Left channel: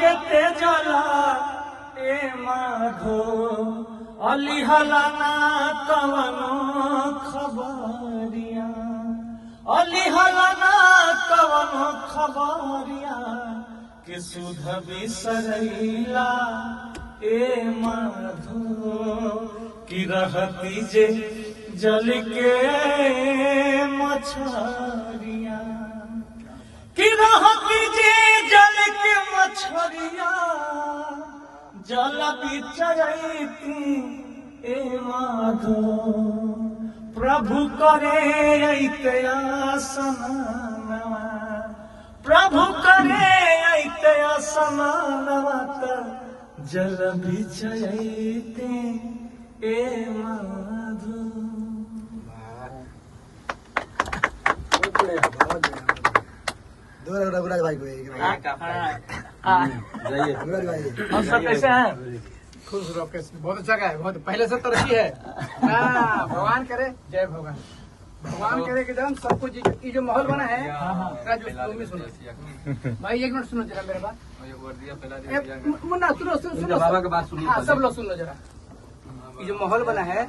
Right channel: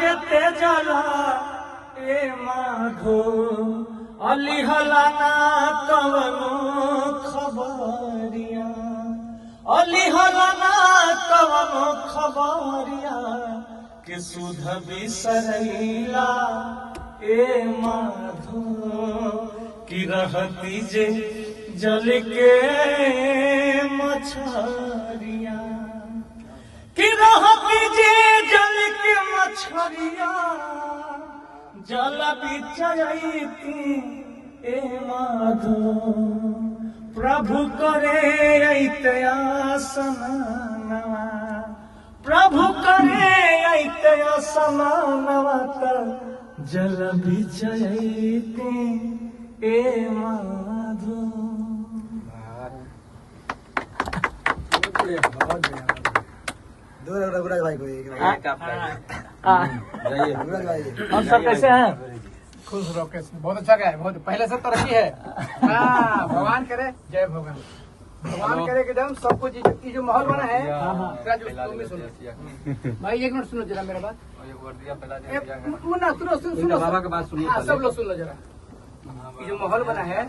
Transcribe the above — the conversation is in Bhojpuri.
के तेजला ए माधो अली हलाना कवनो खबरिया अली हलाना कवनो खबरिया के सुध बिसरैला ए माधो की रहती जे जल के मछरिया की रहती जे जल के मछरिया जल बिचरैती ए माधो प्रभु करे ऐते आसमानवा प्रभु करे ऐते आसमानवा त जल बिचरैती ए माधो। आप सब कैसे हैं? खुश रहो। कैसे? बहुत अच्छा है, बहुत पहले से तरक्की है। भगवान करे, जय भगवान। भगवान करे कि जब सब कुछ की जो माहौल बना है भाई, एक मिनट सुनो जरा मेरा बात। मुन्ना सुनो, सुनो, सुनो, सब लोग सुन लो जरा। ये जो माहौल बना है